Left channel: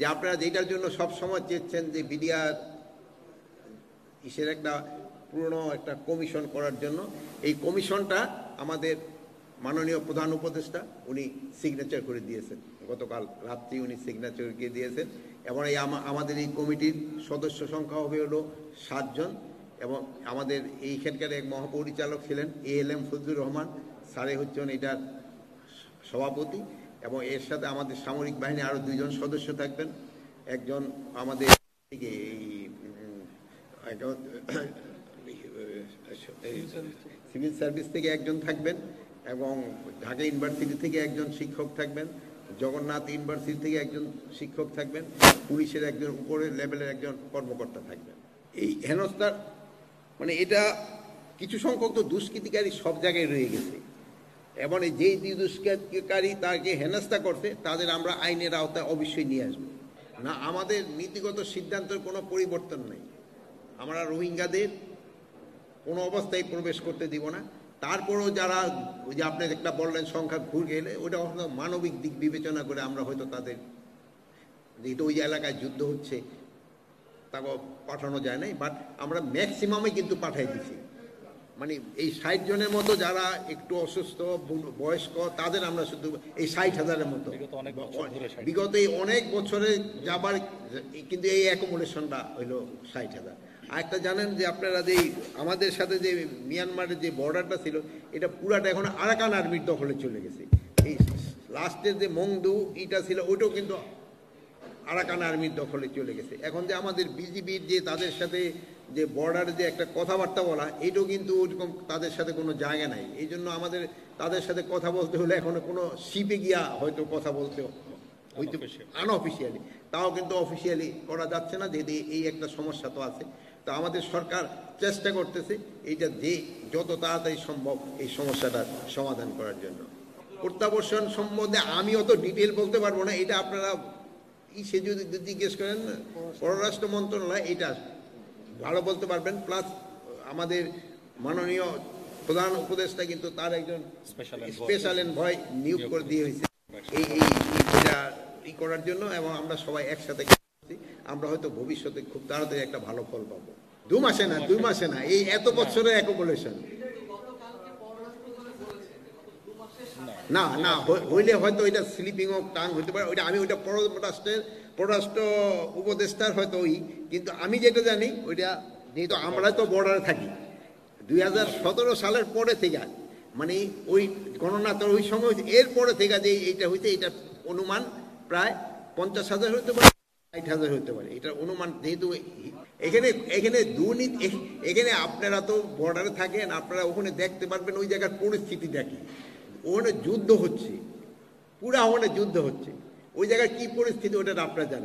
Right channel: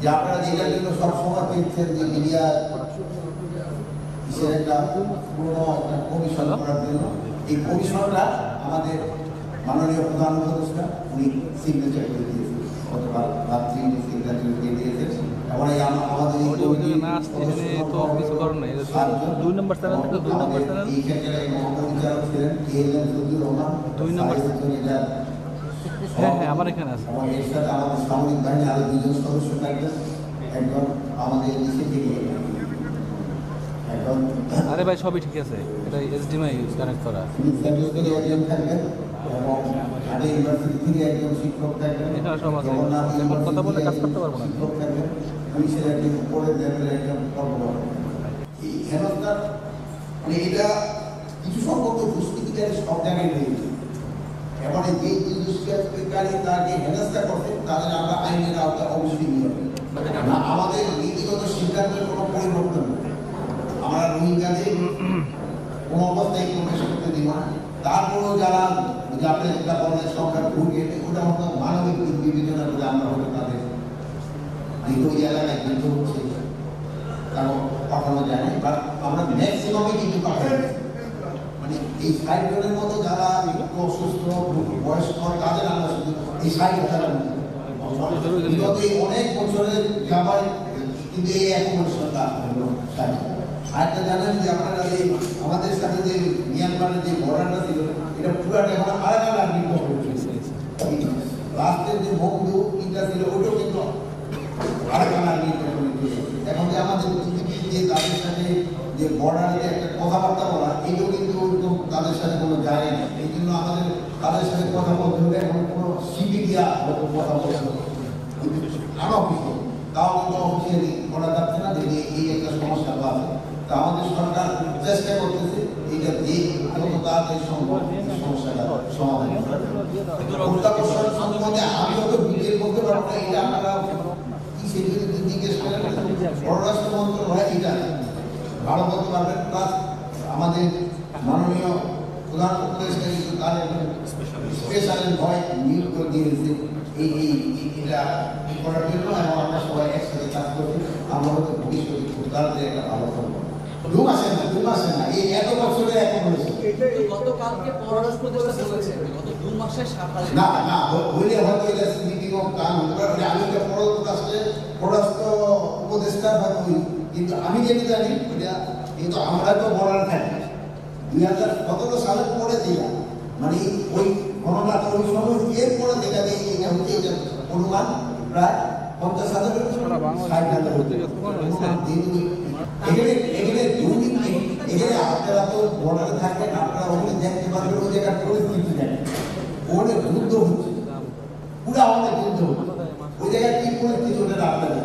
যে আপনারা যেটার জন্য সবসময় চেয়েছেন যে মিডিয়া ইসের একটা পুরনো একটা কমিশন করার জন্য, এই কমিশনটা আমাদের মাননীয় প্রধান উপদেষ্টা উনি সিগনেচার করে দিয়েছেন, গতকাল রাত্রি উনি সিগনেচার করে দিয়েছেন। এবং আমাদের এই কমিটির সদস্য আমাদের এইখানকার মহাপরিচালক ছিলেন ALM জুদ্দুর রহমান, এটা আমার এখানে আছে। এবং এর সাথে আমাদের সামরিক বাহিনী আরো 2 জন সদস্য থাকবেন। একজন আমাদের আরে ভাই সবই ঠিক আছে, এটা HDMI কানেক্ট করা। থেকে একজন থাকবেন এবং ঢাকা ইউনিভার্সিটি থেকে একজন শিক্ষক থাকবেন, জগন্নাথ ইউনিভার্সিটি থেকে একজন শিক্ষক থাকবেন, পুলিশের একজন উপরের লেভেলের একজন কর্মকর্তা থাকবেন। এই হেনস্থা মানে এটা কিছু সংখ্যক দুষ্কৃতিকারী সব জায়গায় রয়ে গেছে। এমন যে দুষ্কৃতিকারী তাকে হেনস্থা করছে তাদের আমরা আইনের আওতায় অবশ্যই নিয়ে আসবো। আমাদের নীতিগত সিদ্ধান্তের কোনো পরিবর্তন নেই। আমরা রোহিঙ্গাদের কোনো অবস্থায় প্রবেশ করতে দিব না। তারপরেও যারা যে আপনার একটা বললেন সংখ্যা ঢুকে, ওটা হয়তো মানবিক দিক বিবেচনা করে আমরা হয়তো তাদের ওই এলাকায় যুদ্ধ হচ্ছে কারণ পাঠানো যায় না, বাট আমরা ম্যাক্সিমামে কিন্তু পাঠাই। মানে এই 60 জনের মতো যারা একটু অসুস্থ বয়স্ক তাদের আমরা শুধু এই 60,000 বিগত অনেক বছরে যাবার, কিন্তু এই এক পরিশ্রমটা আরেকটা জানেন যে আপনারা যে আমাদের সাথে যে মিয়ানমারের যে বর্ডারটা ছিল এটা পুরাটা এখন আরাকান আর্মির দখলে চলেছে। লাস্টের যে বন্ধু এটা ছিল ওটাও কিন্তু আরাকান আর্মির দখলে চলেছে। এখন যে আমাদের বিজেপি যে তাদের সাথে যে বর্ডারে যে একটা কথাবার্তা বলা, এটাও কিন্তু ওরকম তাদের সাথে কোনো জায়গা নেই। এই জন্য আমাদের তাদের সাথে কথা বলতে হলে এখন কোনো সিপি দিয়া হয়তো কথা বলতে হবে আনঅফিসিয়ালি, তাও কিন্তু অফিসিয়ালি করা যাচ্ছে না। দিল্লি এই একটা সমস্যা আছে। তা আমাদের সরকার চেষ্টা করতেছে এইটা যত তাড়াতাড়ি সম্ভব এই সমস্যাটা সমাধান করার জন্য। প্রত্যাবর্ষণ সম্বন্ধে আমিও তো ডিটেল বলতে পারবো না, এটা আপনারা সে যদি জিজ্ঞেস করেন পররাষ্ট্র মন্ত্রণালয় এটা ভালো বলতে পারবেন। প্লাস আমাদের মাননীয় প্রধান উপদেষ্টা কিন্তু তার একজন স্পেশাল ভয় নিয়োগ করে দিয়ে দিয়েছে এইটা করার জন্য, এবং আমরা সবাই একসাথে কাজ করছি। আমরা হয়তো ভবিষ্যতে খুব তাড়াতাড়ি একটা ভালো করবো। 2 মাসে না, এই এত বছরে এক হয়েছে না হইলে হয়তো এটা স্লিপিং অফ টাং হতে পারে। আমি ওইটা পররাষ্ট্র উপদেষ্টার হয়তো কিন্তু আমি যেটা জানি ওইটা কিন্তু আমরা তো বর্ডারে থাকি 2017 সালের পরে থেকে, মানে ওই গণনাত্র ওই সময় এর পরে থেকে যে এইটা হইতে এটা অনুমান প্রায় 50,000 হতে পারে, 60,000 হতে অনুমান। কিন্তু এখানে দুর্নীতি, এখানে আপনারা তো বর্ডারে থাকেন, আপনারা ওখানে দেখতে পারবেন ওই জায়গার পরিস্থিতি দেখেন, ওখানে যুদ্ধ হচ্ছে।